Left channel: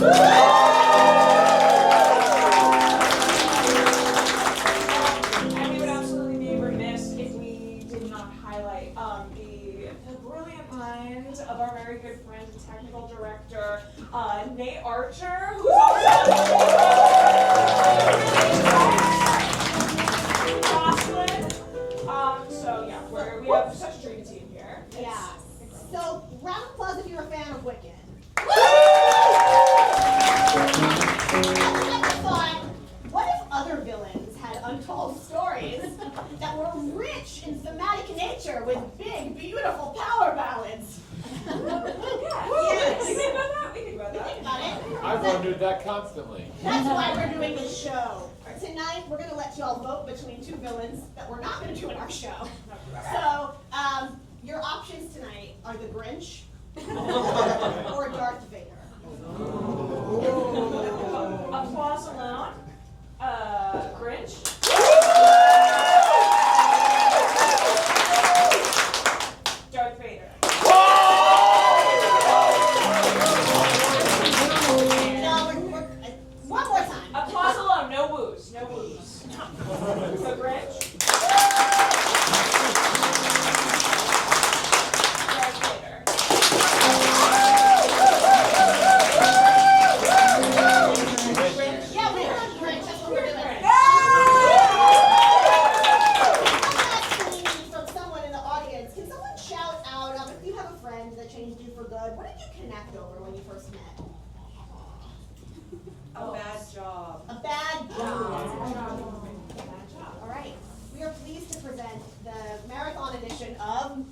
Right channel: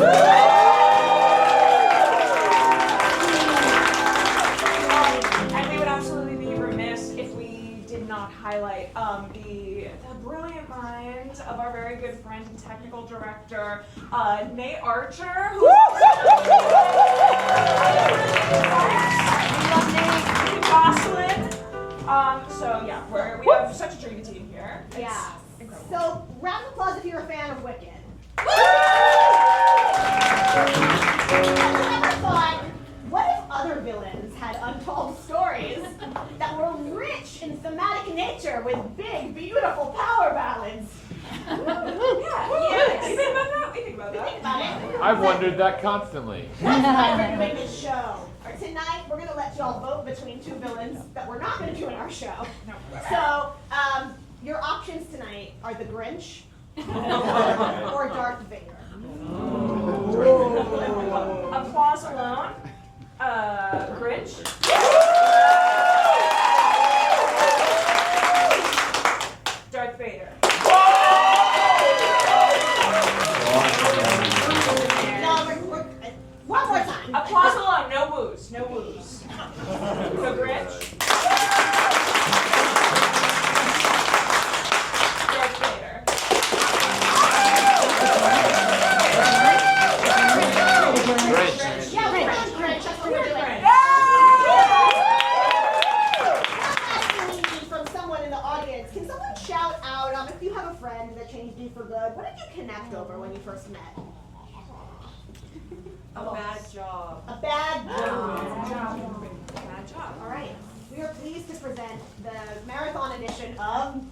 And we would absolutely be remiss if we did not highlight the brilliant mind of our very good friend and technical director, Nate Archer, who's so yeah, we have such a dreamy team here. Yeah. So round of applause if you're a fan of Wicked. What if other villains had untold stories that were rich in thematic nature with big, beautiful power ballads? Yes. You think about that? We think about that. Think about it. I've wondered that constantly. That's why we're doing this show. Tonight, we're going to let y'all vote between two villains that we're not going to do in our show. So, your options tonight are the Grinch or Darth Vader. Applause alone. Grinch. Darth Vader. One more time. Applause alone, no woos, no woos. So Grinch. Darth Vader. Grinch. Yeah, we love Grinch. That's what we're doing. From someone in the audience, can someone shout out if you have a friend that changed you for good? What did you connect over when you first met? A bad job. A bad job. Bad job. All right. We are pleased to present the marathon edition of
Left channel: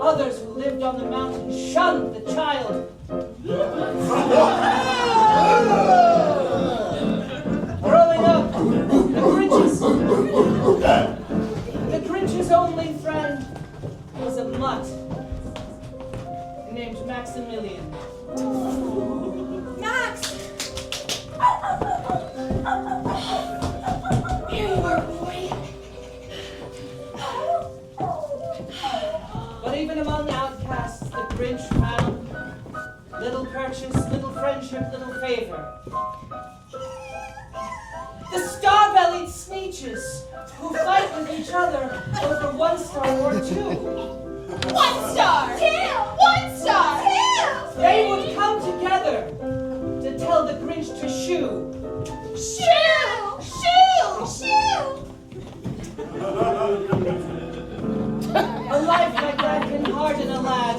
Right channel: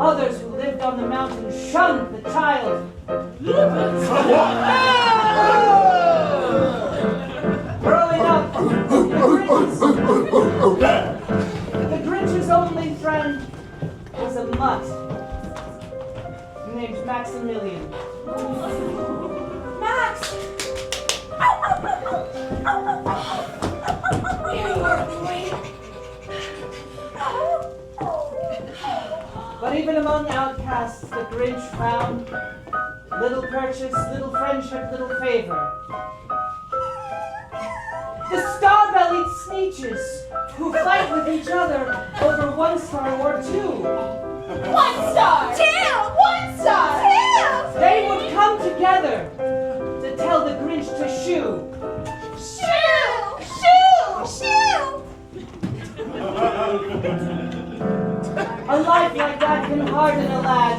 others who lived on the mountain shunned the child. Growing up, the Grinch's only friend was a mutt named Maximilian. Max! There you are, boy. But even among outcasts, the Grinch found little purchase, little friendship, little favor. The star-bellied Sneeches who fight with each other over 1 star or 2. 1 star! 2! 1 star! 2! They would come together to tell the Grinch to shoo. Shoo! Shoo! Shoo! A life like that can harden a lad.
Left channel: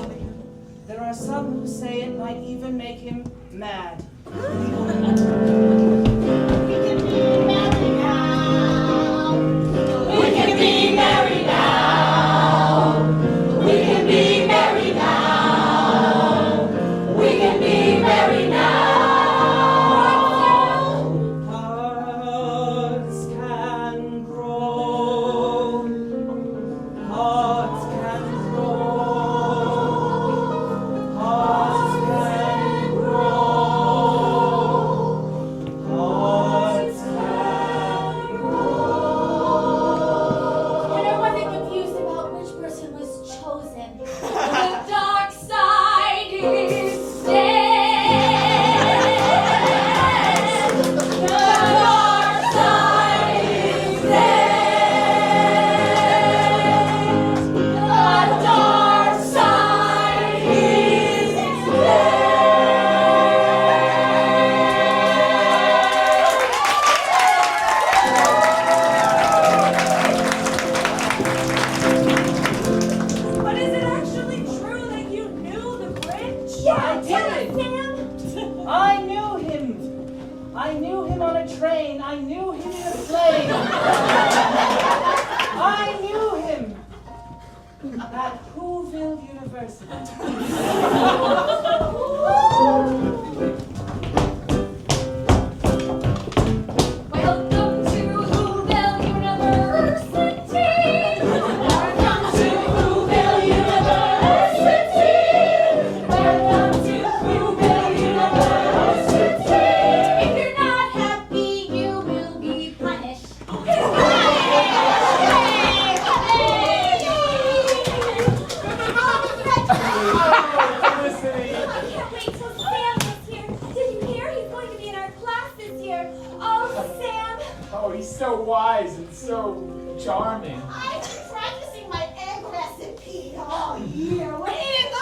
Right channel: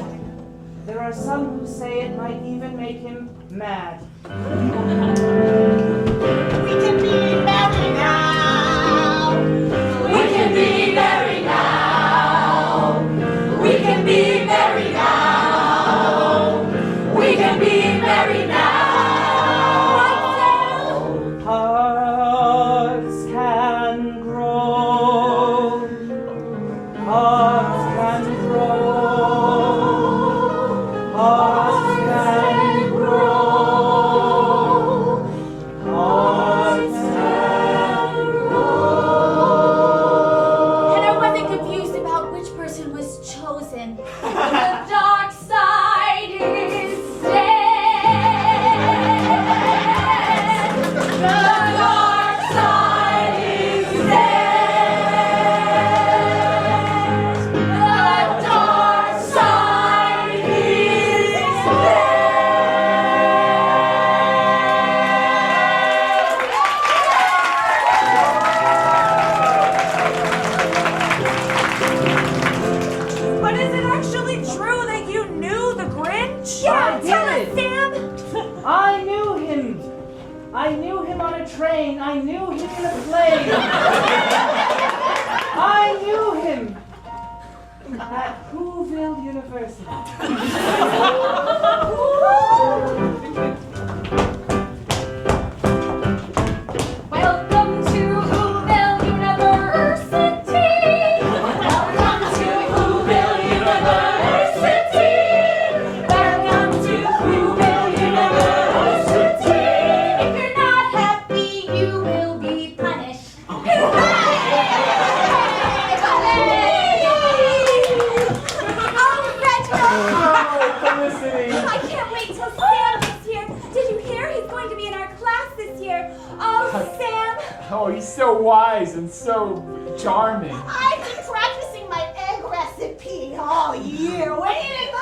There are some who say it might even make him mad. We can be married now. We can be married now. We can be married now. We can be married now. Hearts can grow. Hearts can grow. Hearts can grow. Hearts can grow. And I wasn't confused about which person was chosen. The dark side is dead. The dark side is dead. The dark side is But is it actually true that you knew the Grinch? I did. Sam. I knew him. I knew him on a train. I knew him in a plane. I knew him at Whoville University. Welcome to Whoville University. Welcome to Whoville University. Welcome to Whoville University. If you're not happy, you will be punished. Felicity! I can't wait till Sam is here. Did you hear? He's going to be in our class this year. Oh, Sam. Oh, he's so wise and so charming. I've been practicing my egg recipe all year. Where did it go?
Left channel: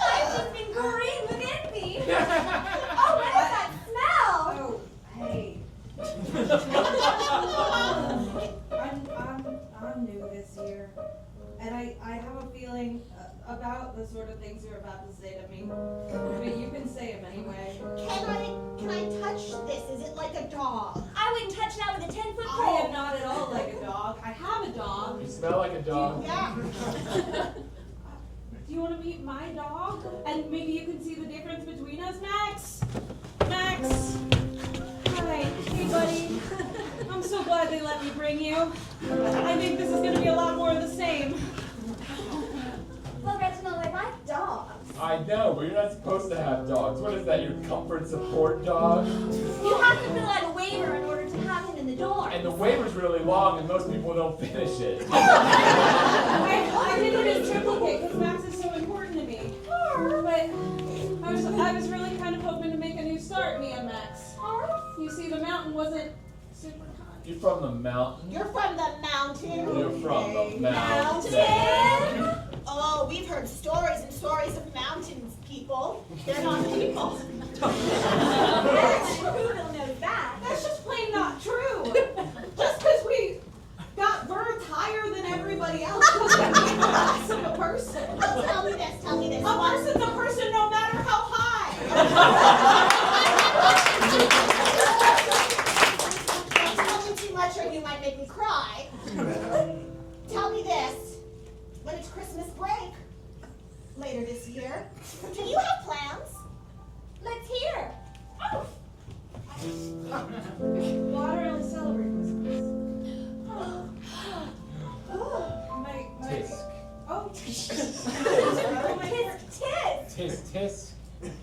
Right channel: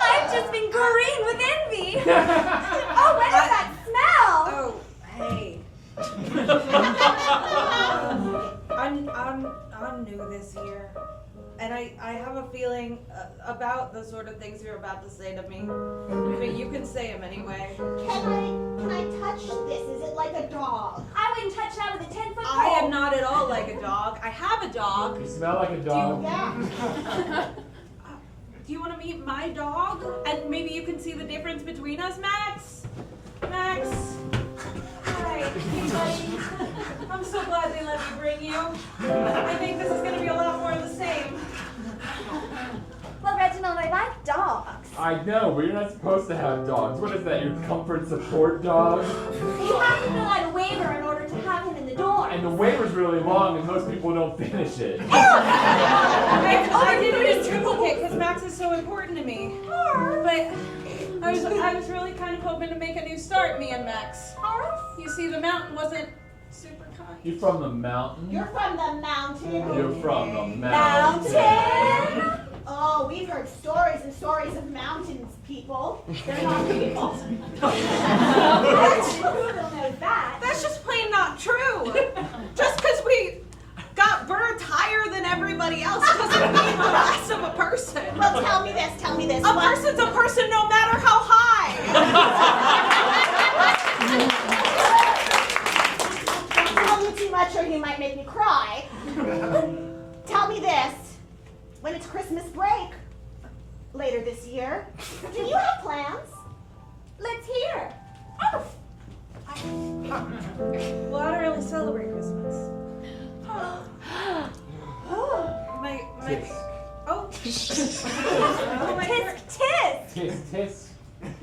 I've just been green with envy. Oh, what is that smell? Oh, hey. I'm new this year, and I have a feeling about the sort of things you're about to say to me. But you can say them anyway. Can I touch this? Is it like a dog? I wouldn't touch that with a 10-foot pole. I am not at all like a dog. I have a dog. You smell like a dog. Yeah. Do you want to meet my dog? And maybe you can see the difference between us, Max? Max? Hi, hey buddy. I'm so glad they let me bring you. I think this is going to be a lot more of the same. Well, Reginald, I like dogs. I know, but you're not supposed to have dogs. What is that, your comfort support dog? You have to fill out a waiver in order to have him in the door. And the waiver's really long and most people don't finish it. I did it in triplicate because Max is so important to me. But I was really kind of hoping to make a new start, me and Max. You see, the mountain wasn't super kind. You're from the mountain? You're from the mountain. You're from the Mountain. mountain. Oh, we've heard stories and stories of mountains people. They're not people. Who knows that? That's just plain not true. Just because we got birds higher than everybody else doesn't mean we're less of a person. Well, tell me this. A person's a person no matter how high. Don't tell me too much or you might make me cry. Tell me this. When it's Christmas break later this year, do you have plans? Let's hear. Well, I don't really celebrate Christmas. Oh. My Tisk. oh. Tisk, tisk.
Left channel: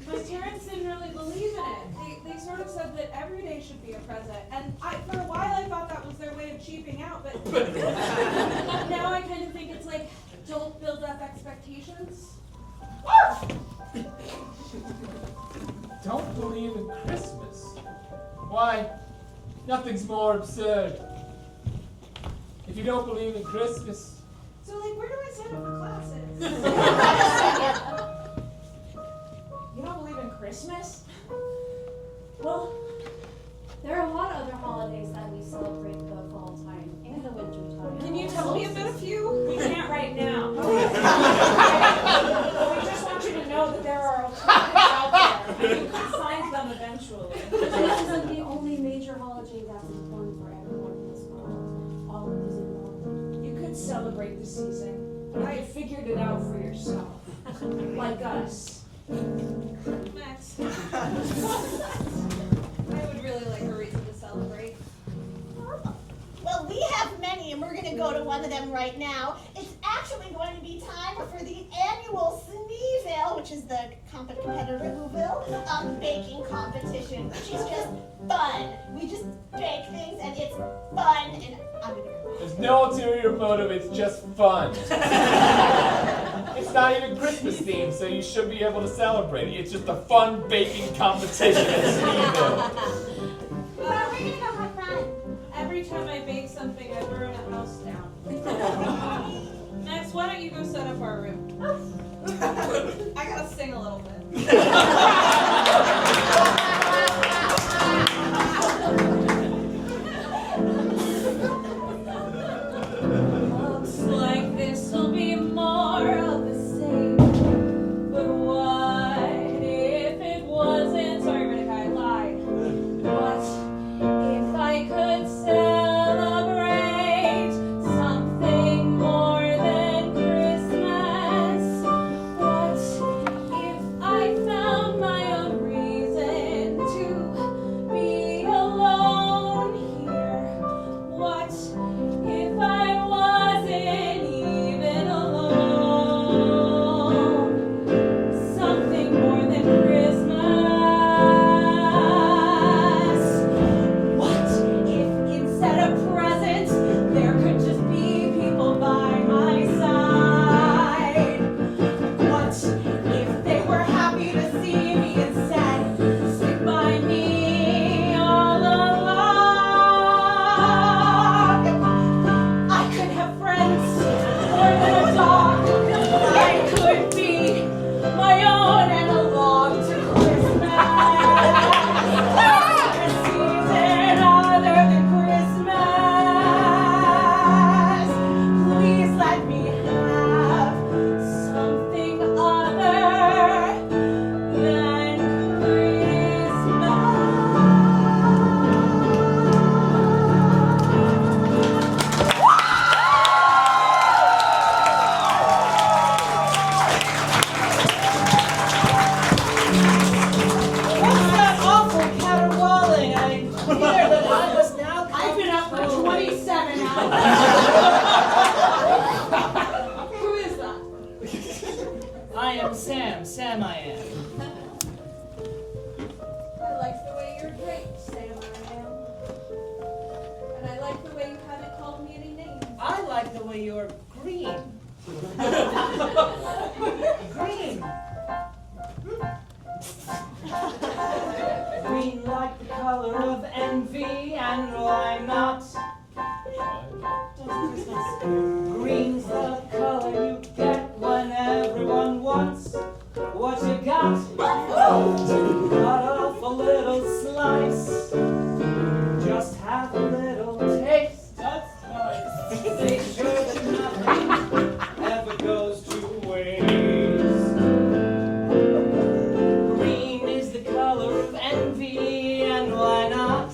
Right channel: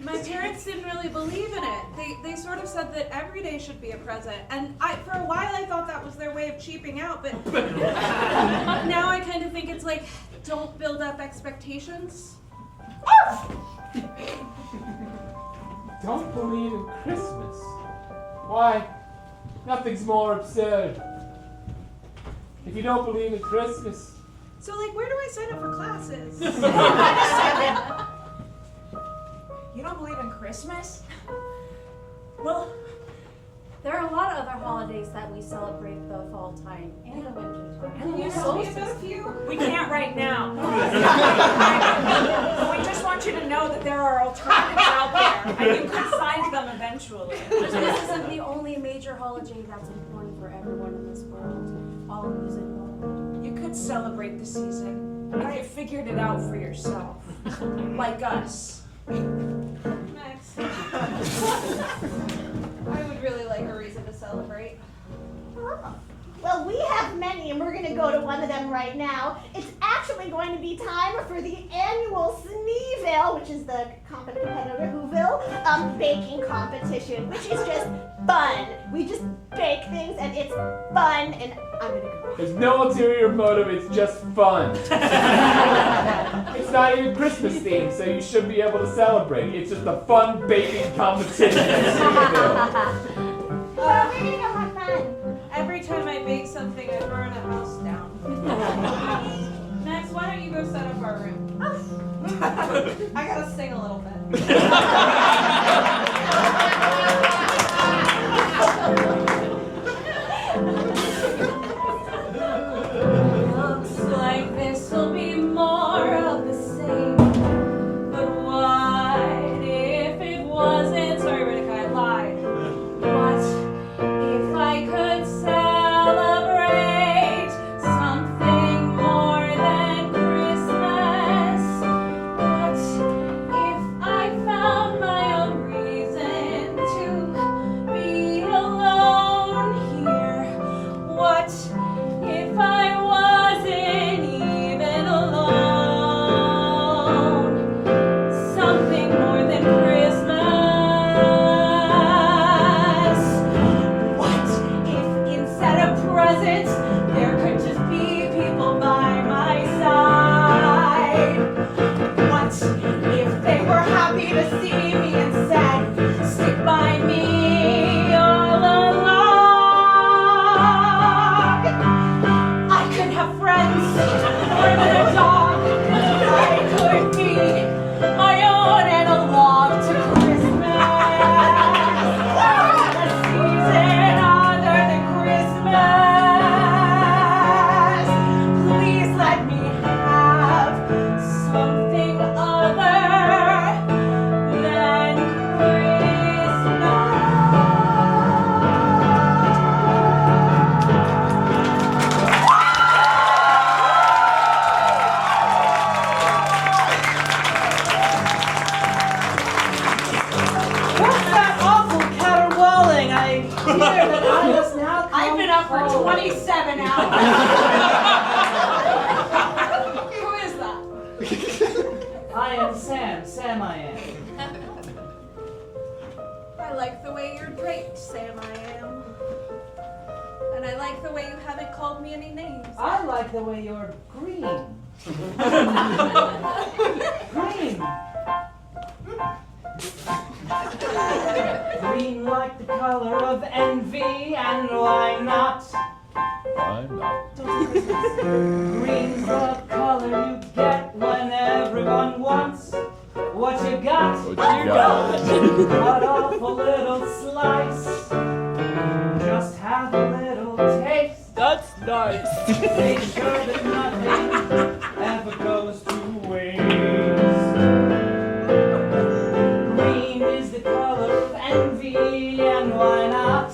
My parents didn't really believe in it. They sort of said that every day should be a present. And for a while I thought that was their way of cheaping out, but now I kind of think it's like, don't build up expectations. Don't believe in Christmas. Why? Nothing's more absurd. If you don't believe in Christmas, So like, where do I sign up for classes? You don't believe in Christmas? Well, there are a lot of other holidays that we celebrate the fall time and the winter time. Can you tell me about a few? We can't right now. But we just want you to know that there are alternatives out there, and you can find them eventually. This isn't the only major holiday that's important for everyone in this world. All music will. You could celebrate the season if you figured it out for yourself, like us. Max. I would really like a reason to celebrate. Well, we have many, and we're going to go to one of them right now. It's actually going to be time for the annual Sneeville, which is the competitor Whoville, baking competition, which is just fun. We just bake things, and it's fun, and I'm going to go. there's no ulterior motive, it's just fun. It's not even Christmas themed, so you should be able to celebrate. It's just a fun baking competition. Well, we're going to go have fun. Every time I bake something, I burn a house down. Max, why don't you go set up our room? I gotta sing a little bit. Looks like this'll be more of the same. But what if it wasn't? Sorry, Riddick, I lied. What if I could celebrate something more than Christmas? What if I found my own reason to be alone here? What if I wasn't even alone? Something more than Christmas. What if instead of presents there could just be people by my side? What if they were happy to see me instead stick by me all along? I could have friends more than a dog. I could be my own analog to Christmas. A season other than Christmas. Please let me have something other than Christmas. What's that awful caterwauling? I hear that I must now come I've been up for home. 27 hours. Who is that? I am Sam I am. I like the way you're draped, Sam I am. And I like the way you haven't called me any names. I like the way you're green. Green. Green like the color of envy, and why not? Green's the color you get when everyone wants what you got. Cut off a little slice, just have a little taste. That's nice. Make sure that nothing ever goes to waste. Green is the color of envy, and why not?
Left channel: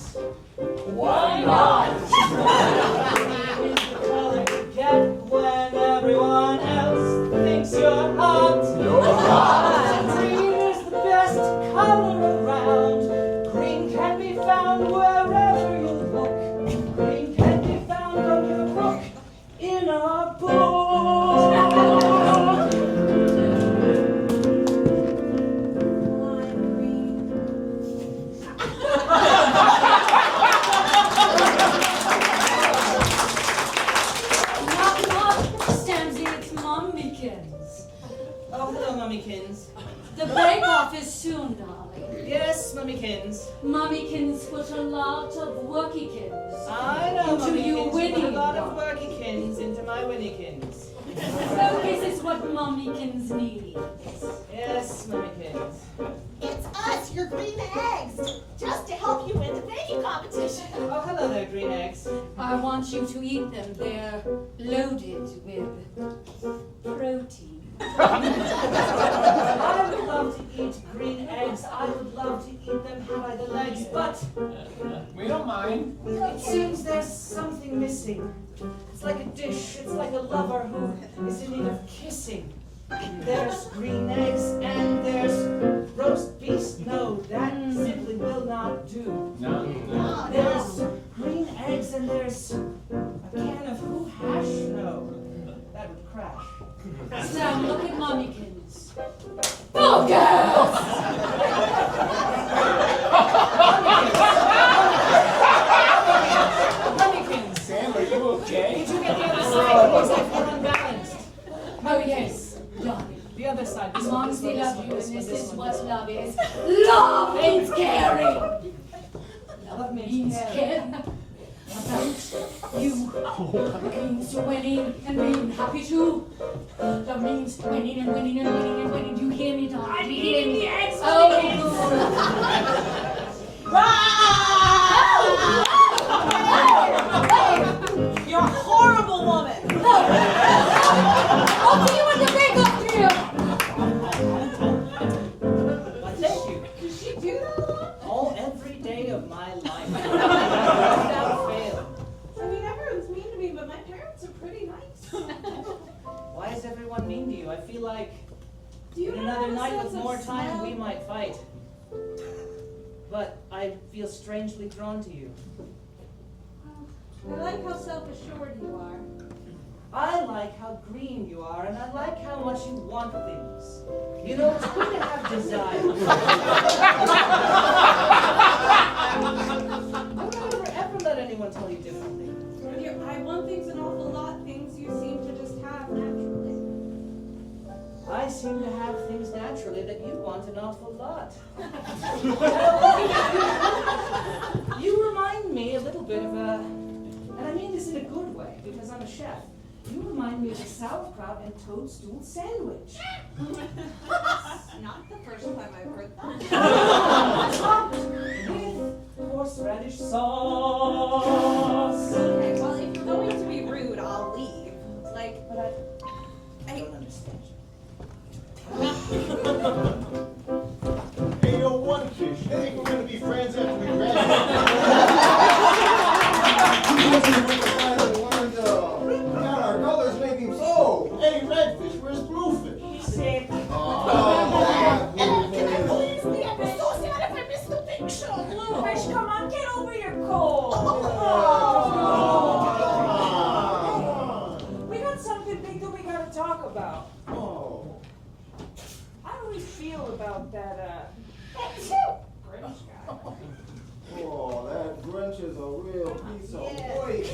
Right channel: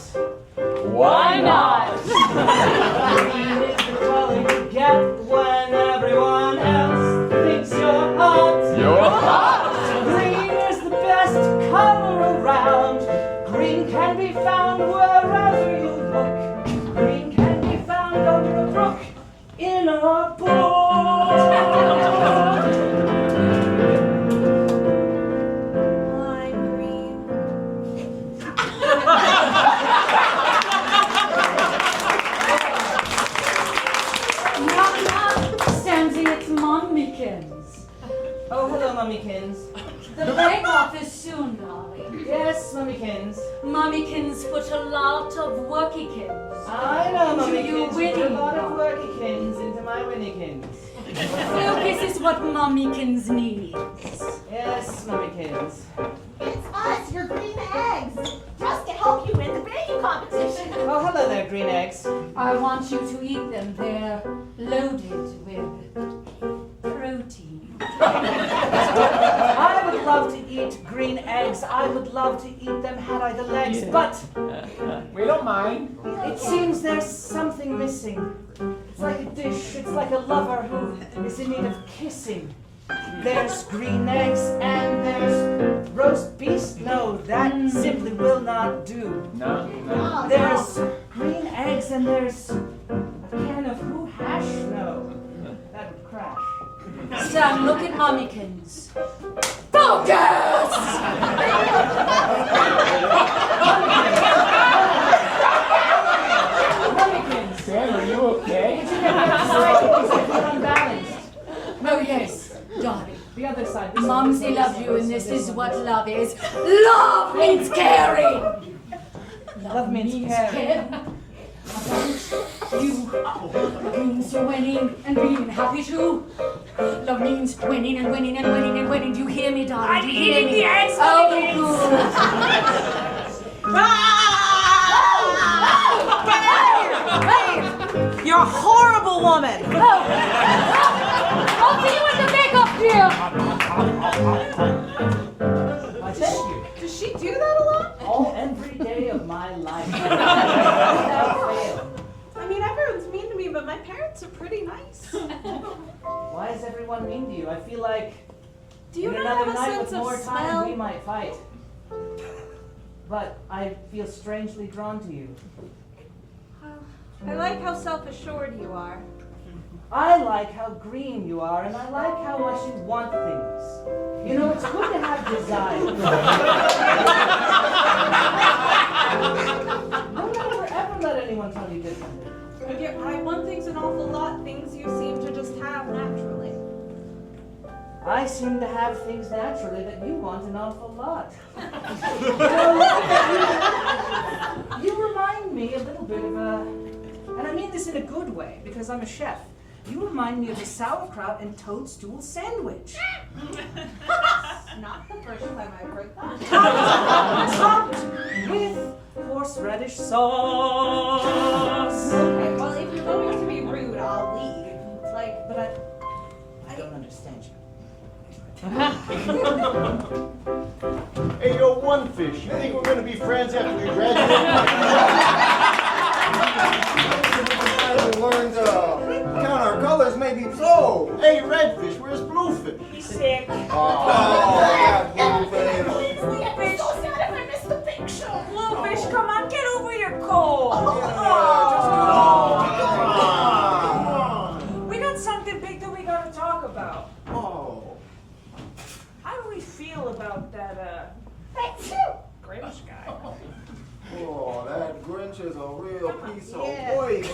Why not? Green is the color you get when everyone else thinks you're hot. You're hot. Green is the best color around. Green can be found wherever you look. Green can be found under a brook, in a book. Mummykins. The bake-off is soon, darling. Yes, Mummykins. Mummykins put a lot of workykins. I know, into you Mummykins. Put a winning. lot of workykins into my winnykins. Focus is what Mummykins need. Yes, Mummykins. It's us, your green eggs, just to help you win the baking competition. Oh, hello there, green eggs. I want you to eat them. They're loaded with protein. I would love to eat green eggs. I would love to eat them had I the legs, but We don't mind. it seems there's something missing. It's like a dish. It's like a lover who is in need of kissing. There's green eggs and there's roast beef. No, that simply will not do. No. There's green eggs and there's a can of who hash. No, that would crash. Sam, look at Mummykins. Focus! Mummykins, Sam, are you okay? did you get the other side? It looks like you're unbalanced. Oh yes, darling. The other side. Momsy loves you, and this is what love is. Love means caring. Love means caring. care about you. Means winning and being happy too. Love means winning and winning and winning and winning. Do you hear me, darling? I'm Do you hear eating me? the eggs, Oh, Mummykins. You're a horrible woman. I'll see you in the makeup, dear. I'll tell you, Does she do that a lot? every day of my life. Without fail. I mean, everyone's mean to me, but my parents are pretty nice. Why is everyone mean to you? I feel like Do you in not another have a night sense with of more time smell? we might fight. But I feel strangely drawn to you. I like how self-assured you are. I like how green you are, and I like how much you want things. You know, it's good to have desire. Don't ever let anyone tell you differently. But I want things an awful lot, things you seem to just have naturally. I seem to have things naturally that you want an awful lot. You remind me a little bit of a, and I mean this in a good way, because I'm a chef. You remind me of a sauerkraut and toadstool sandwich. Not the first time I've heard that. Topped with horseradish sauce. Okay, well, if you're going to be rude, I'll leave. Like, But I don't understand you. Hey, yo, One Fish, you think we're gonna be friends after we graduate? Learned count our colors, maybe. So, hey, Redfish, where's Bluefish? Sick. Please, Leah, I'm so sad if I missed the picture. Bluefish, come on, get over your cold. We got something big that we gotta talk about. Oh. How do we feel about that, Grinch guy? Oh, that Grinch is a real piece of Yeah. work.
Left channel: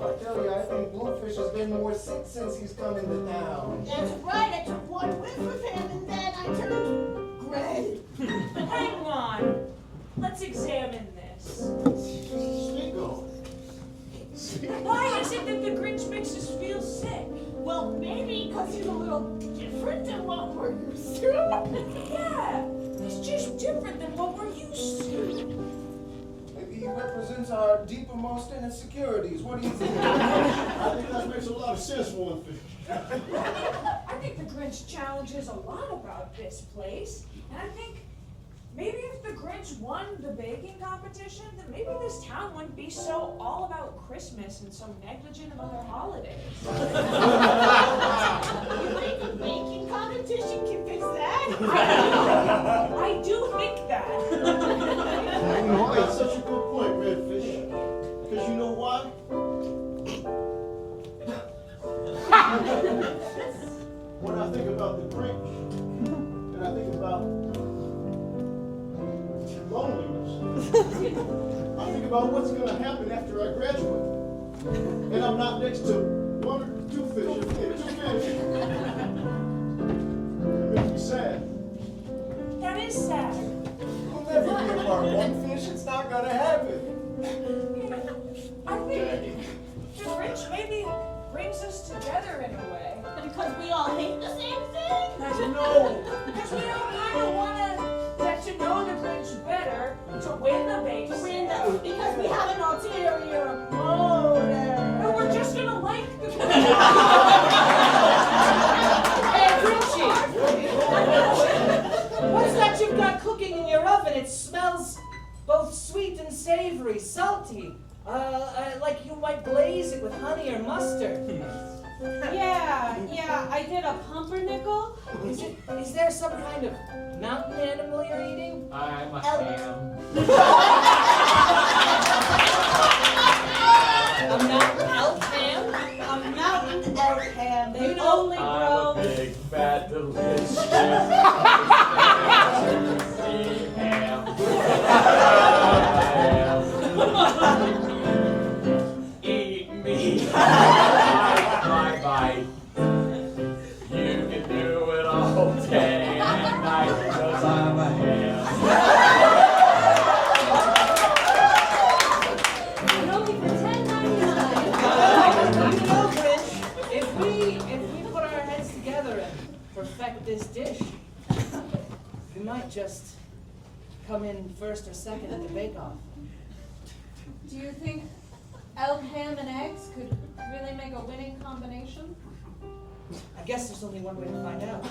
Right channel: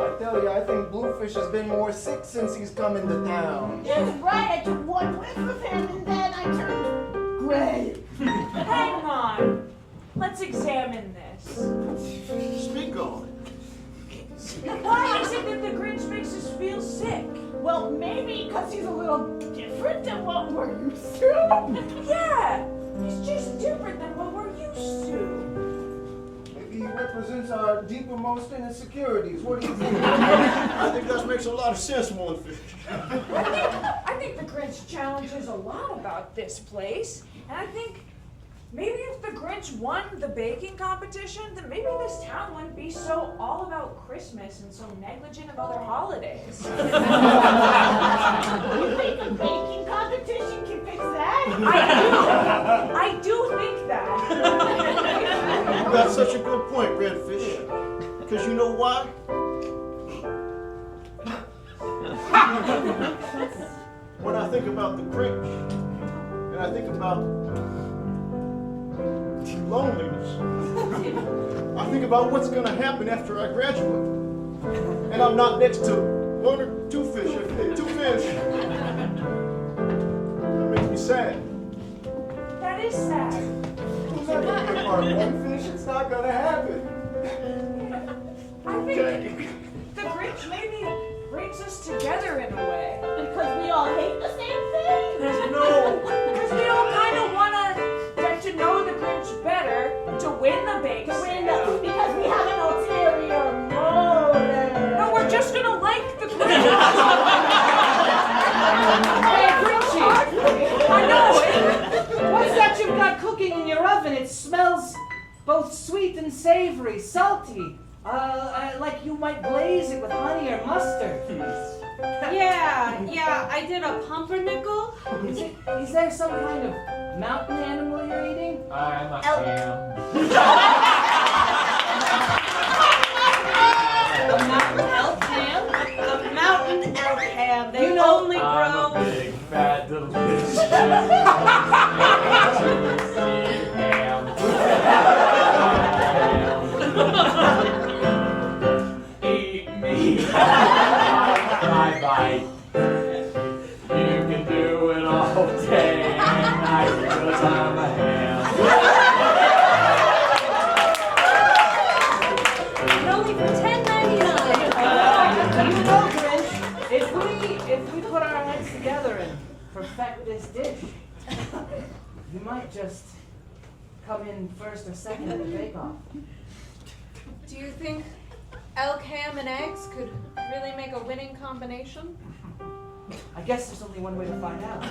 I tell you, I think Bluefish has been more sick since he's come into town. That's right, I took one whiff of him and then I turned gray. Hang on. Let's examine this. Speak on it. Why is it that the Grinch makes us feel sick? Well, maybe because he's a little different than what we're used to. Yeah, he's just different than what we're used to. Maybe he represents our deepermost insecurities. What do you think? I think that makes a lot of sense, One Fish. I think the Grinch challenges a lot about this place, and I think maybe if the Grinch won the baking competition, then maybe this town wouldn't be so all about Christmas and so negligent of other holidays. You think a baking competition can fix that? I do think that. That's such a good point, Redfish. Because you know why? When I think about the Grinch, and I think about loneliness, I think about what's going to happen after I graduate. And I'm not next to one or two fish. Hey, two fish. That makes me sad. That is sad. We'll never be a part of one fish. It's not gonna happen. I think the Grinch maybe brings us together in a way. Because we all hate the same thing? No. Because we all kind of want to get to know the Grinch better to win the bake sale. Because we have an ulterior motive. No, we're just going to like the Grinch. Hey, Grinchy! I know. What's that you've got cooking in your oven? It smells both sweet and savory, salty. Like you might glaze it with honey or mustard. Yeah, I did a pumpernickel. Is there some kind of mountain animal you're eating? I'm a ham. A mountain elk ham? A mountain elk ham. They You know, only I'm grow. a big, fat, delicious, juicy ham. Eat me. Bye. You can do it all day and night because I'm a ham. And only for $10.99. You know, Grinch, if we put our heads together and perfect this dish, you might just come in first or second at the bake-off. Do you think elk ham and eggs could really make a winning combination? I guess there's only one way to find out.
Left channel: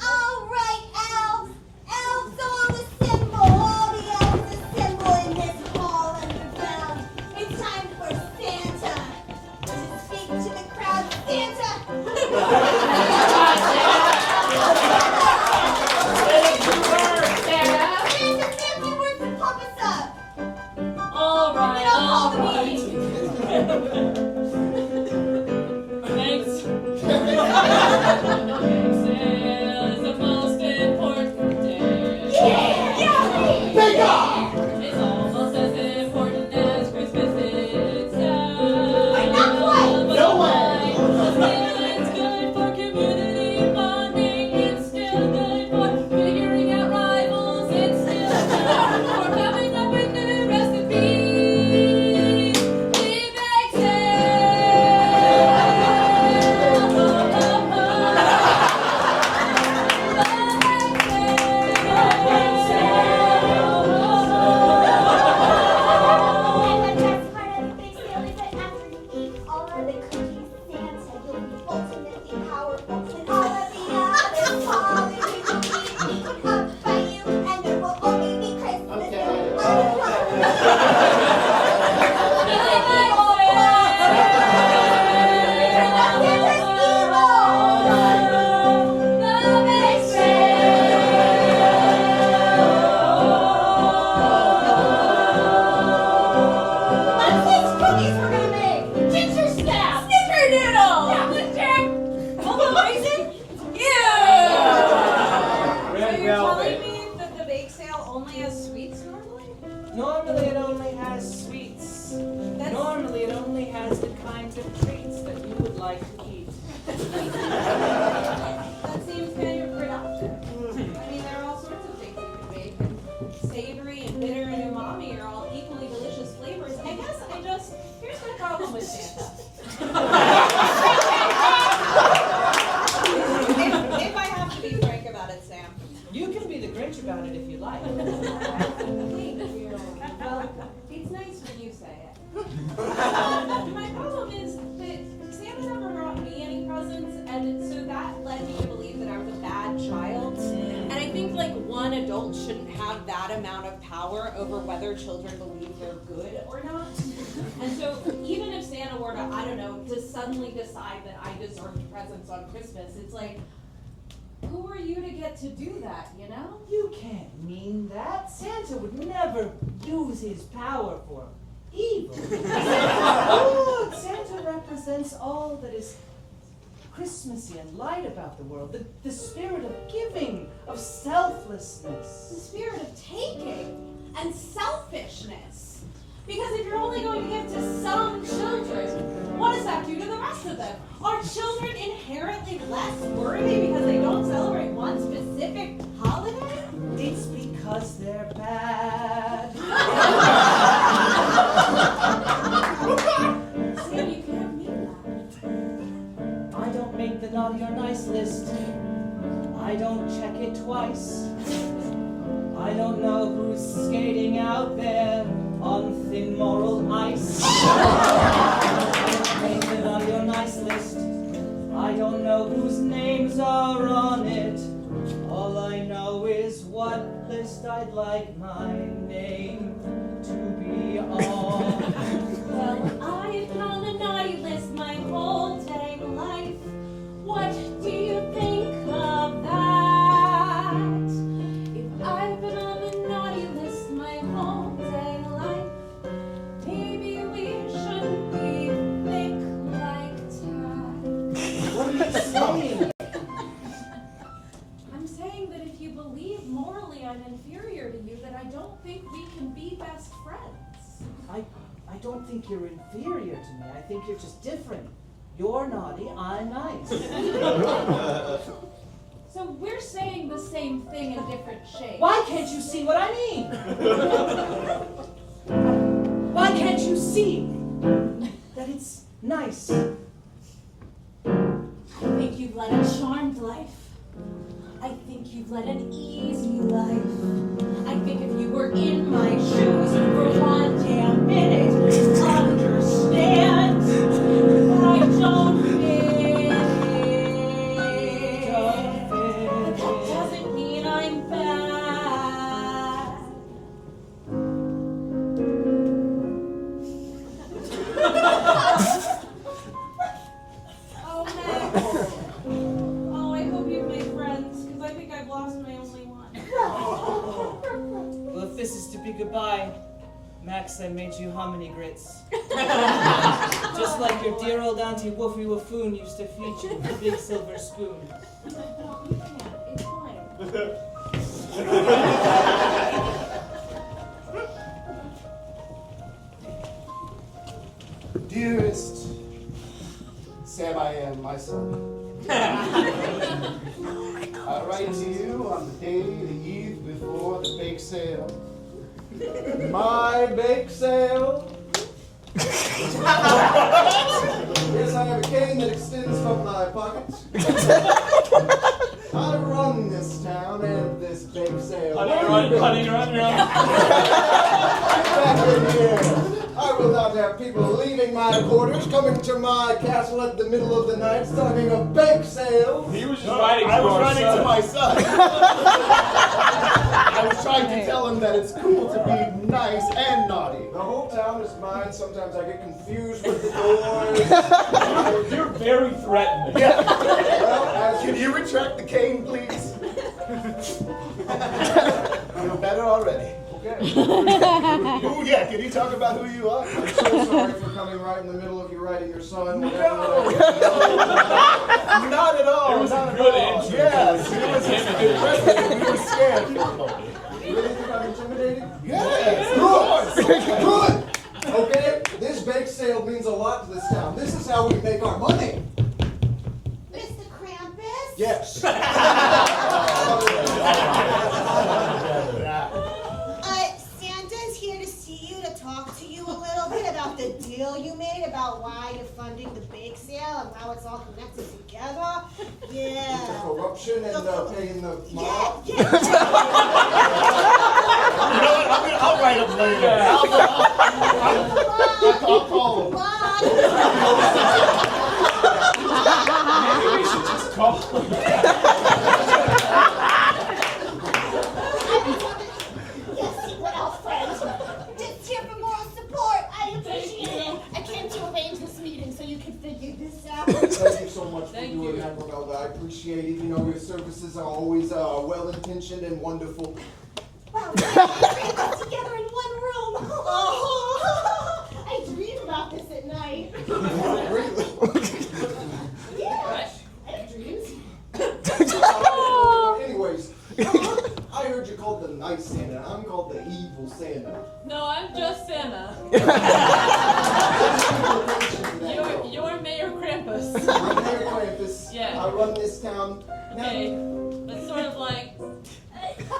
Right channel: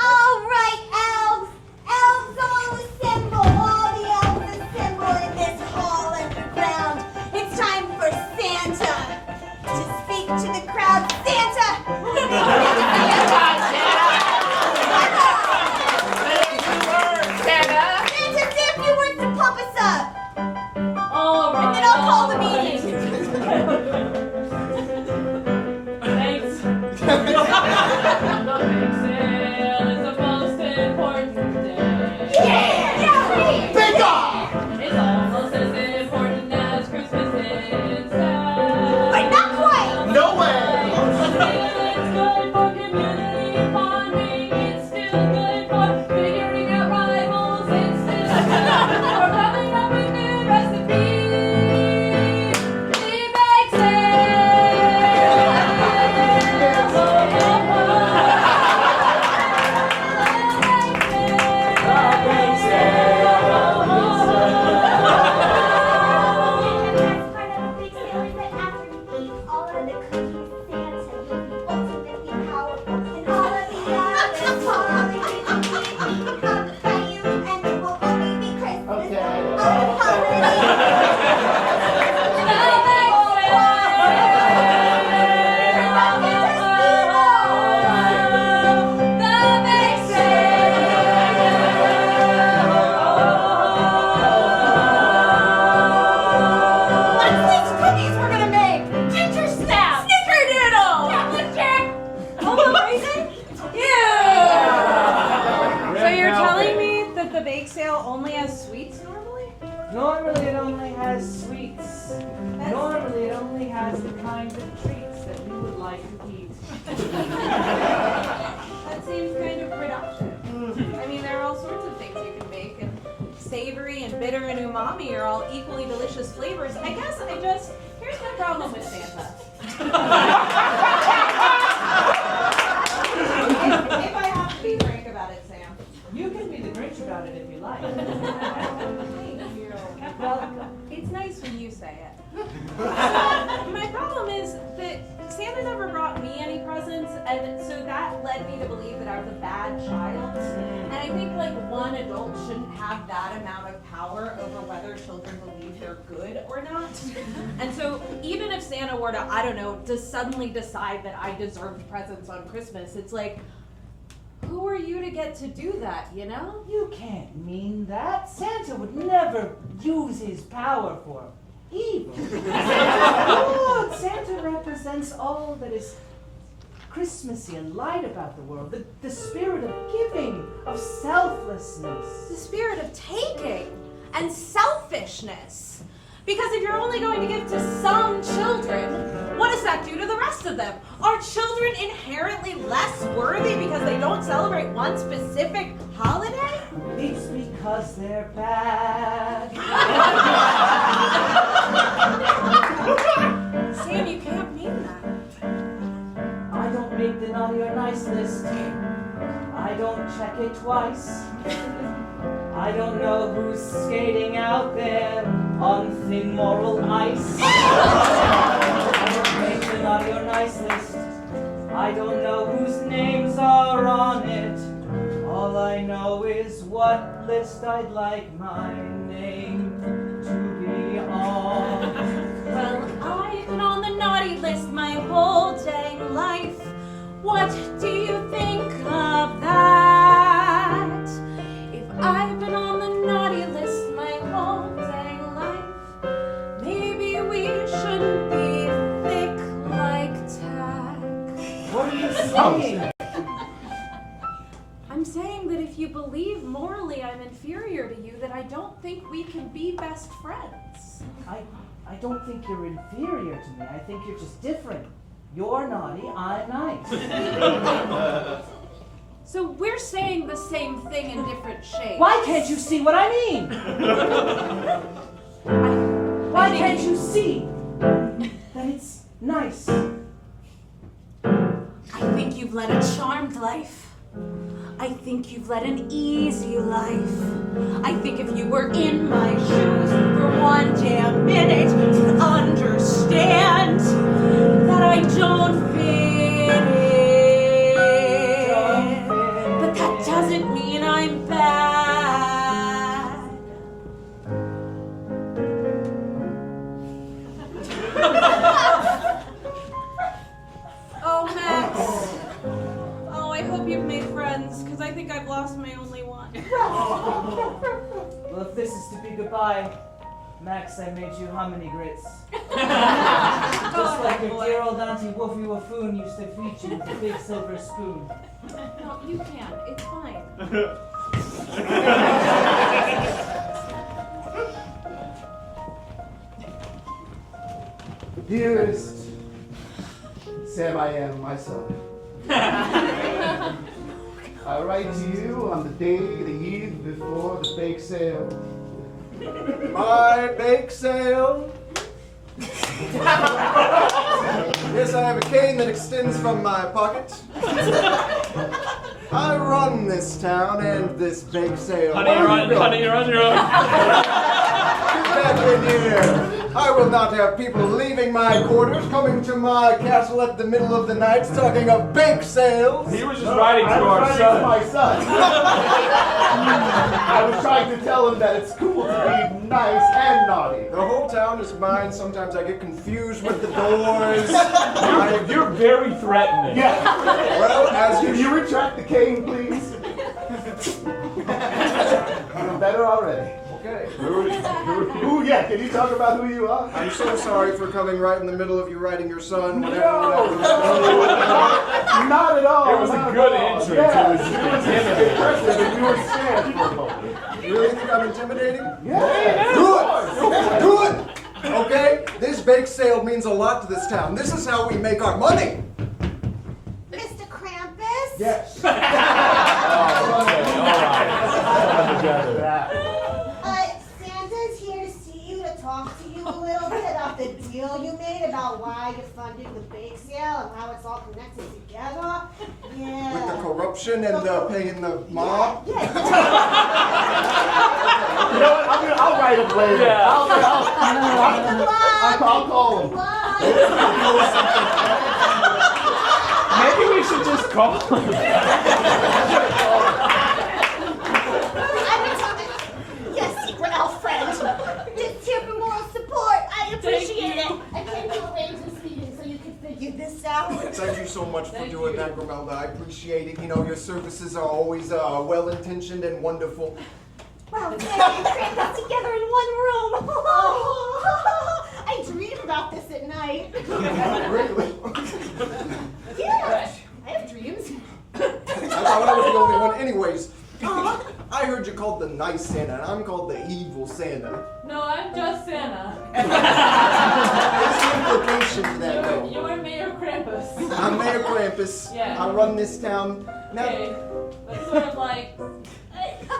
All right, elves. Elves all assemble. All the elves assemble in this hall underground. It's time for Santa to speak to the crowd. Santa! Santa, say a few words to pump us up. All right. And then I'll call the meeting. Thanks. The bake sale is the most important day. Yeah! Bake off! It's almost as important as Christmas itself. But not quite. No way. It's good for community bonding. It's still good for figuring out rivals. It's still good for coming up with new recipes. The bake And the best part of the big sale is that after you eat all of the cookies, Santa will be ultimately powerful, and all of the others falling will come by you, and it will only be Christmas. Okay. What's these cookies we're gonna make? Ginger snap! Snickerdoodle! Chocolate jack! Almond raisin? Yeah! So you're telling me that the bake sale only has sweets normally? Normally it only has sweets. That's- Normally it only has the kinds of treats that you would like to eat. That seems kind of reductive. I mean, there are all sorts of things you can make, and savory and bitter and umami are all equally delicious flavors. I guess here's my problem with Santa. if I have to be frank about it, Sam. You can be the Grinch about it if you like. Thank you. Well, it's nice when you say it. My problem is that Santa never brought me any presents, and so that led me to believe that I was a bad child. And I think like one adult shouldn't have that amount of power over whether children believe they're good or not. And so even if Santa were to, I don't know, to suddenly decide that I deserved presents on Christmas, it's like, who are you to get to do that, you know? You can't mean that. Santa would never use his power for evil. Good. Santa represents all that is Christmassy and light about the world. The spirit of giving, of selflessness. The spirit of taking and selfishness. Because if you're only going to give to some children, what does that do to the rest of them? Are children inherently less worthy because they don't celebrate one specific holiday? It's because they're bad. Sam, you can't mean that. I don't make the naughty or nice list. I don't check it twice. I don't know who's skating out there on thin moral ice. I don't make the naughty or nice list. I don't know whose names are on it. All I know is what list I'd like my name to be on. Well, I've been on the naughty list my whole dang life. What do you think of that? If I've been on the naughty list my whole dang life, maybe we shouldn't be thick like tack. What are you saying? I'm saying that if you believe morally I'm inferior to you, that I don't think we can be best friends. I don't think you're inferior to me. I think you're just different. You're naughty, I'm nice. So we're saying the same thing in different shades. Why can't you see what I mean? Why can't you see that it's nice? I think you've led a charmed life. I think you've led an easy life. I think if you were in my shoes for one damn minute, you'd understand that I don't fit in. But that doesn't mean I'm bad. Oh, Max. Oh, I hope you've made friends, because I think I've lost my only one. Well, if this is to be goodbye, Max, I made you hominy grits. Just like your dear old Auntie Wolfie Waffoon used to feed you with a big silver spoon. No, you can't. It's fine. Dearest Sam, I am my son. I write to you on the day, the eve before the bake sale. My bake sale. Yes, I have a cane that extends from my pocket. I run this town and this bake sale. Honey, you're on your own. Get in here. I will not have people leaving my quarters, coming to my castle at the middle of the night, talking of bake sales. He was just writing to our son. my son. I was trying to tell him that it's cool to be nice and naughty. The whole town is mine. Sometimes I get confused with the boys. You're very threatening. Yeah. Well, can you retract the cane, please? I'm better already. Okay. Ooh, yeah. Can you talk about who you are? I'm so sorry for coming right in the middle of you writing your son. No. Not at all. It was not a at good all. entrance. Yes. It was impressive. You were scared for a moment. You really think I'm intimidating? Yeah. Good. Okay. This bake sale means a lot to this town. This is how we make our money. Mr. Krampus? Yes. Santa's here to see you, to talk to you a little bit about the deal you made about why you're funding the bake sale and how it's all connected together. Yeah. With the corruption and paying the mob. Yeah. I'll write him later. Yeah. I'll call him. Maybe we should just call him. Yes, secret elf friend. Just here for moral support. I appreciate it. I came to arrange this meeting so you could figure this out. Thank you so much for doing that, Romelda. I appreciate it. You know, your services are always well-intentioned and wonderful. Wow, we created this together in one room. Oh, I dream about this at night. Really? Yeah, I have dreams. I was the only one. Anyways, I heard you called the nice Santa, and I'm called the evil Santa. No, I'm just Santa. There's implication to that, though. You're Mayor Krampus. I'm Mayor Krampus. Yeah. I run this town. Now, Okay. That's sort of like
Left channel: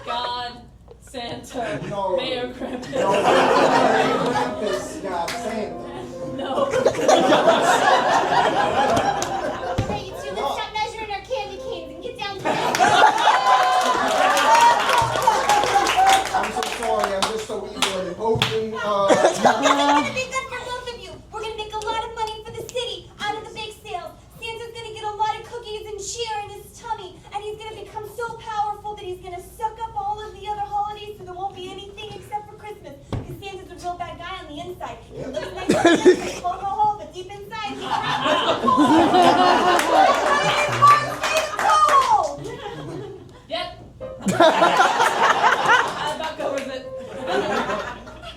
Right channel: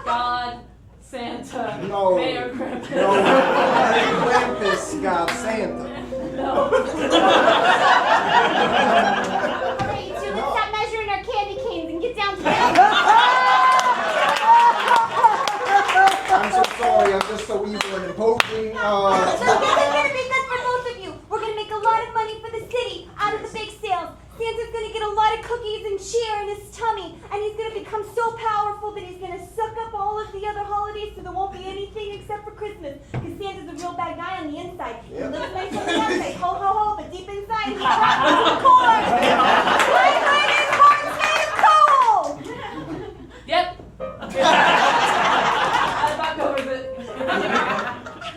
God, Santa, No. Mayor Krampus. no, Mayor Krampus got Santa. No. Alright, so let's stop measuring our candy canes and get down to it. I'm so sorry, I'm just so evil and imposing. It's gonna be good for both of you. We're gonna make a lot of money for the city out of the bake sales. Santa's gonna get a lot of cookies and cheer in his tummy, and he's gonna become so powerful that he's gonna suck up all of the other holidays, so there won't be anything except for Christmas. Because Santa's a real bad guy on the inside. He looks nice on the outside, ho ho ho, but deep inside he's hot cold. Yep. That about covers it.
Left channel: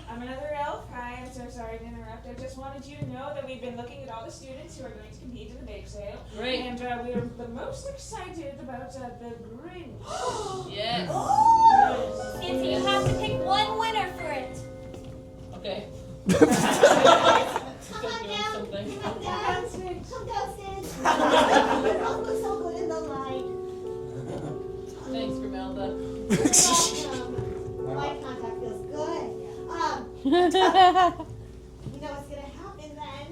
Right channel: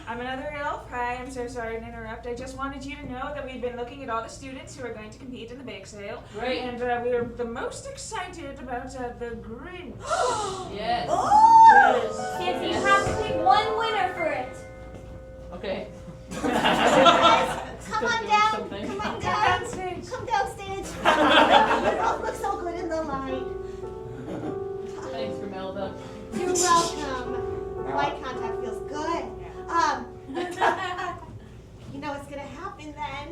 I'm another elf. Hi, I'm so sorry to interrupt. I just wanted you to know that we've been looking at all the students who are going to compete in the bake sale. Right. And we are the most excited about the Grinch. Yes. Santa, you have to pick one winner for it. Okay. Come on down. Something. Come on Come down. downstage. Come downstairs. You both look so good in the light. Thanks, Grimelda. You're welcome. Eye contact feels good. You know what's gonna happen then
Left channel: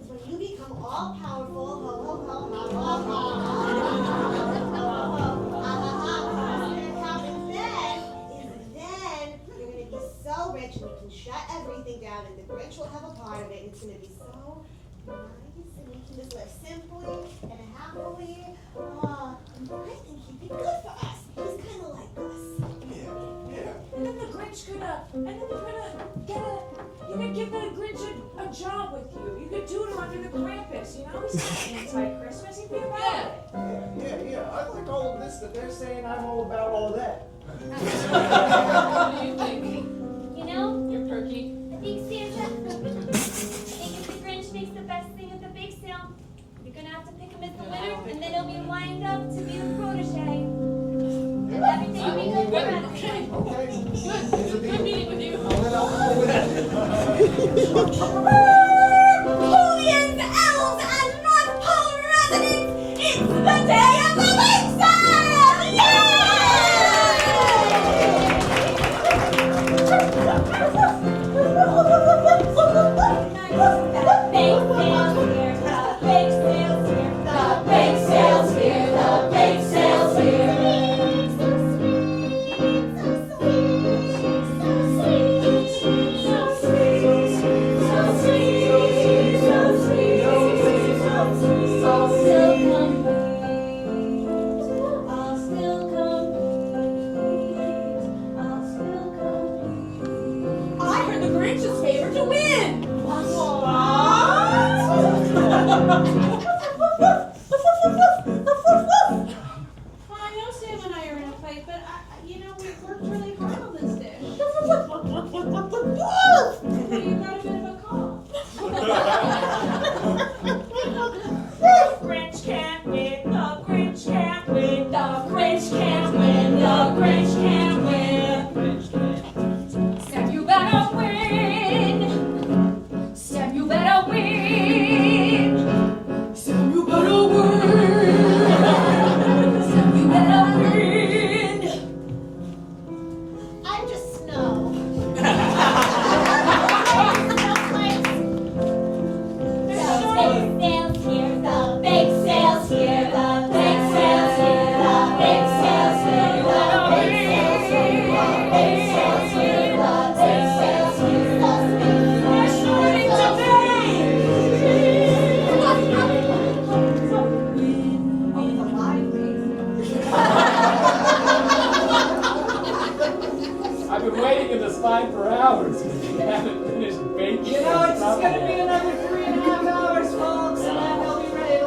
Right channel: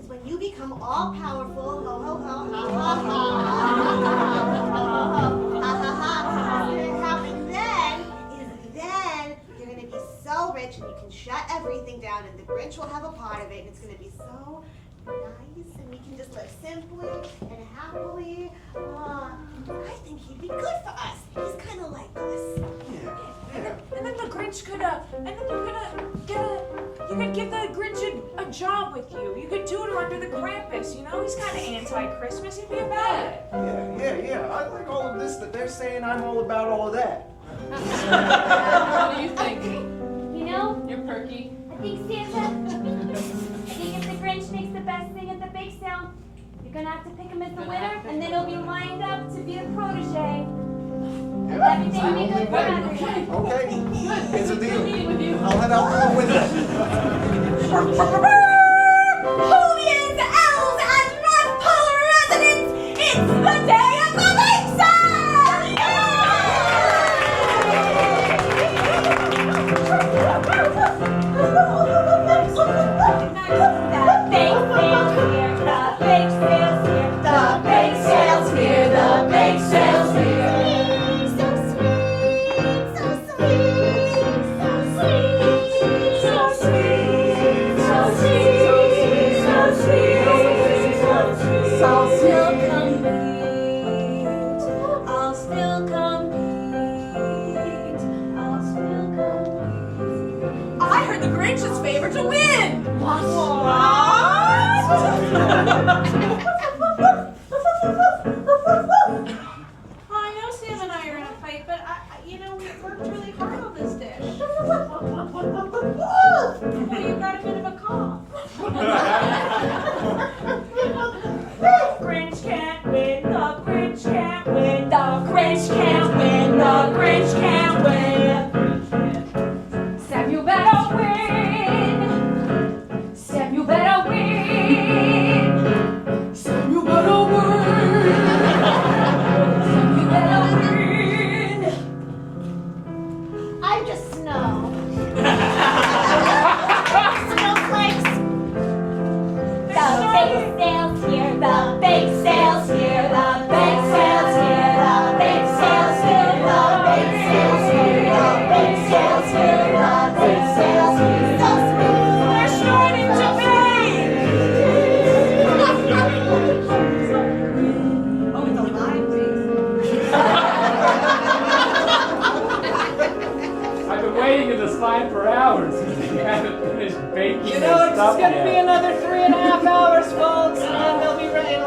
is when you become all powerful, ho ho ho, ha ha ha, ha ha ha. What's gonna happen then is then you're gonna be so rich and you can shut everything down, and the Grinch will have a part of it, and it's gonna be so nice, and we can just live simply and happily. I think he'd be good for us. He's kind of like us. And then the Grinch could, and then you're gonna get you could give the Grinch a job with you. You could do it under the Krampus, you know? He's kind of anti-Christmas. He'd be about it. Yeah. I like all of this that they're saying. I'm all about all of that. What do you think? You know, You're perky. I think Santa, I think if the Grinch makes the best thing at the bake sale, you're gonna have to pick him as the winner, and then he'll be lined up to be a protege. And everything will be good for everyone. Okay. It's a Good deal. meeting with you. I'll head out the window. Hooligans, elves, and North Pole residents, it's the day of the bake sale! The bake sale's here, the bake sale's here. So sweet, so sweet, so sweet, so sweet, so sweet, so sweet, so sweet. I'll still compete. I'll still compete. I'll still compete. I heard the Grinch's favorite to win. I know Sam and I are in a fight, but we worked really hard on this dish. Well, you've got a bit of a cough. Grinch can't win, the Grinch can't win, the Grinch can't win, the Grinch can't win. Sam, you better win. Sam, you better win. Sam, you better win. Sam, you better win. I'm just snow. Snowflakes. The bake sale's here, the bake sale's here, the bake sale's here, the bake sale's here, the bake sale's here, the bake sale's here, the bake sale's here. So sweet. They're starting to bake! Oh, with a lot of I've been waiting in this line for hours. You haven't finished baking. You know, your it's stuff gonna yet. be another 3.5 hours, folks, and then it'll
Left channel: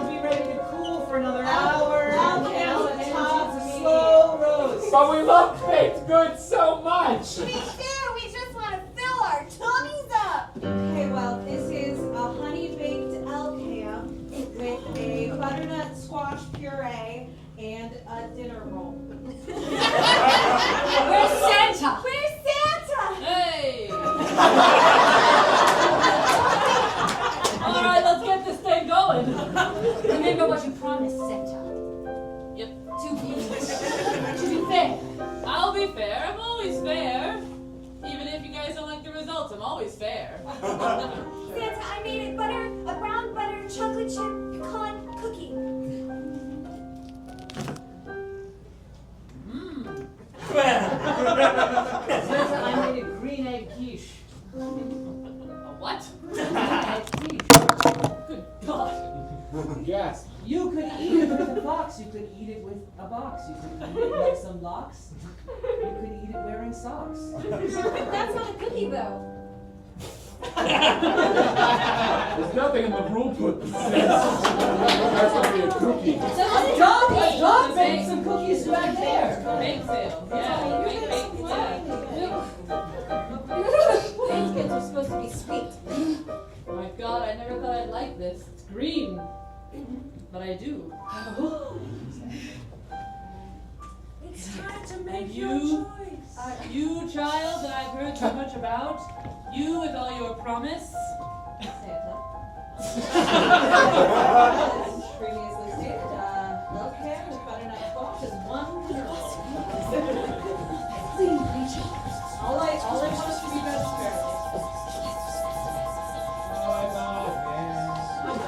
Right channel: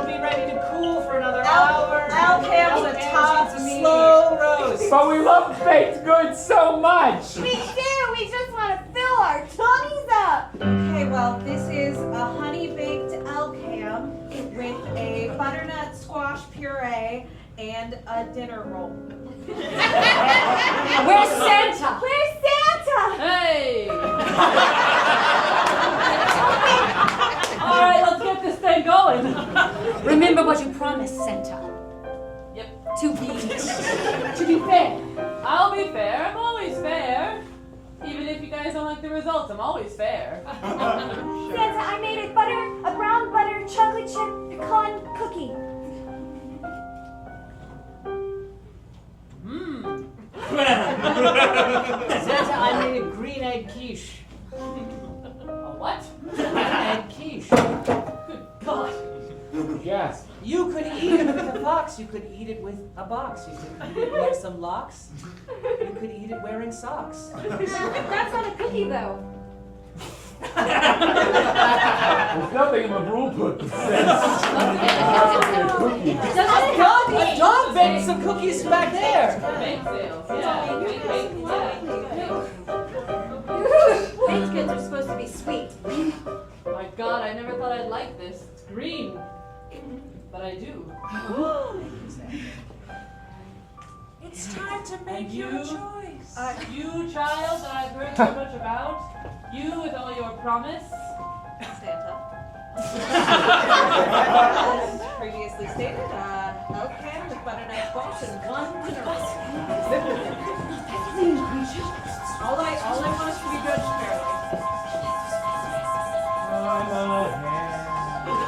be ready to cool for another hour. Alcam's a tough It's a meat. slow roast. But we love baked goods so much. We do. We just want to fill our tummies up. Okay, well, this is a honey baked alcam with a butternut squash puree and a dinner roll. Where's Santa? Where's Santa? Hey! All right, let's get this thing going. Remember what you promised, Santa. Yep. To be fair. I'll be fair. I'm always fair. Even if you guys don't like the results, I'm always fair. Santa, I made a brown butter chocolate chip pecan cookie. Mmm. Santa, I made a green egg quiche. A what? Green egg quiche. Good God. Yes. You could eat it with a box. You could eat it with a box. You could eat it with some locks. You could eat it wearing socks. That's not a cookie though. There's nothing in the rule book that says that's going to be a cookie. A dog baked some cookies back there. Bake sale. Yeah. Bake. Baked goods are supposed to be sweet. My God, I never thought I'd like this. It's green. But I do. It's time to make And your you? choice. You child that I've heard so much about. You with all your promise. Santa. As previously stated, healthcare, butternut squash, and one dinner roll. All I want is to be transparent.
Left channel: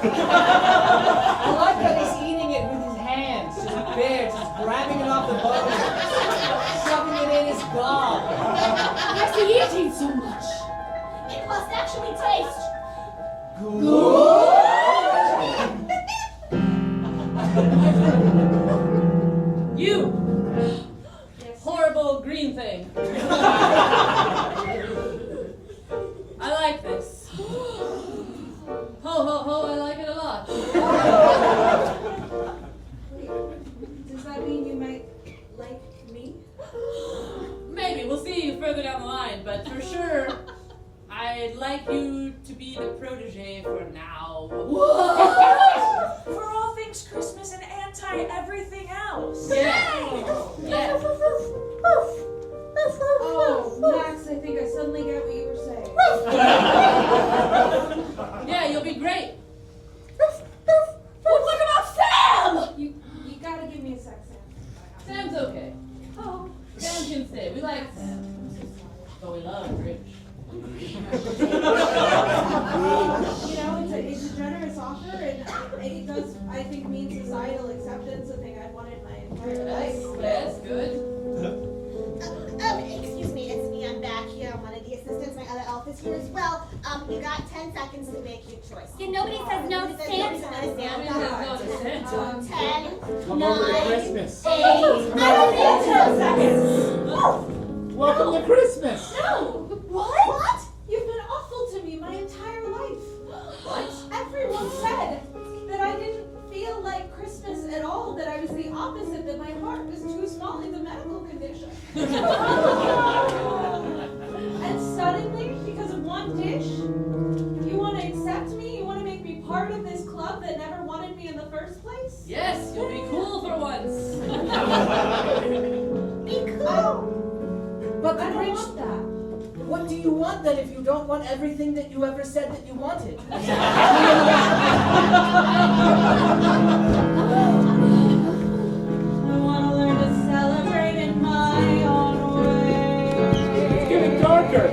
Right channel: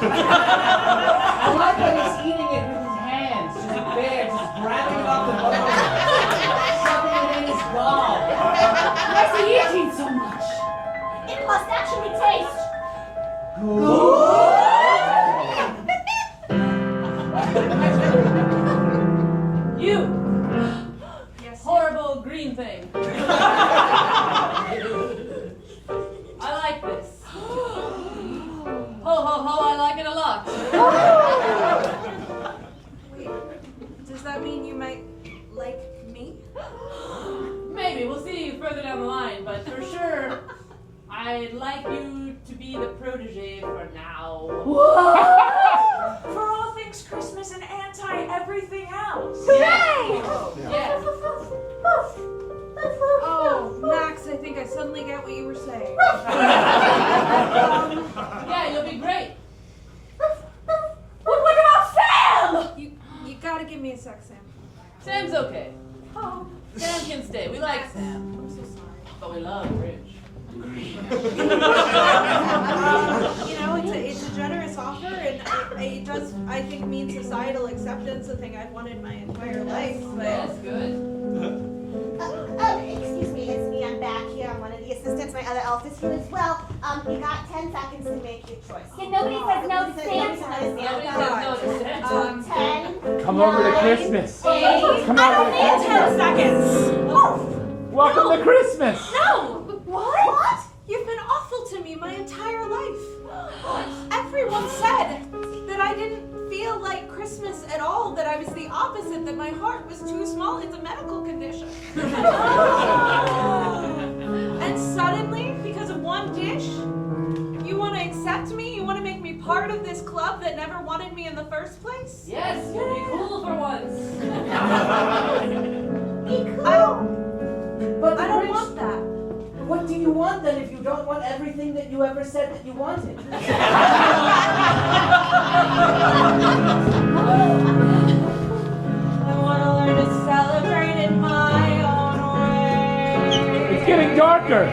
I like that he's eating it with his hands, just bare, just grabbing it off the bone, shoving it in his gob. Why is he eating so much? It must actually taste You! Yes. Horrible green thing. I like this. Ho, ho, ho, I like it a lot. Wait, does that mean you might like me? Maybe, we'll see further down the line, but for sure, I'd like you to be the protege for now. For all things Christmas and anti-everything else. Yeah. Oh, Max, I think I suddenly get what you were saying. Yeah, you'll be great. What about Sam? You gotta give me a sec, Sam. Sam's okay. Oh, Sam can stay. We like Sam. I'm so sorry. But we love Rich. It's a generous offer, and it does, I think, mean societal acceptance, the thing I've wanted my entire life. But That's good. Excuse me, it's me. I'm back here. I'm one of the assistants. My other elf is here as well. You got 10 seconds to make your choice. Yeah, nobody says no to Santa. Nobody says no to Santa. 10. Come over to Christmas. 8. Come I over only have 10 seconds. Welcome to Christmas. No. What? you've been awful to me my entire life. Everyone said that I didn't feel like Christmas at all, that I was the opposite, that my heart was too small. It's a medical condition. And suddenly, because of one dish, you want to accept me? You want to make me part of this club that never wanted me in the first place? Yes, you'll be cool for once. Be cool. But I don't want that. What do you want then if you don't want everything that you ever said that you wanted? I want to learn to celebrate in my own way. It's getting darker.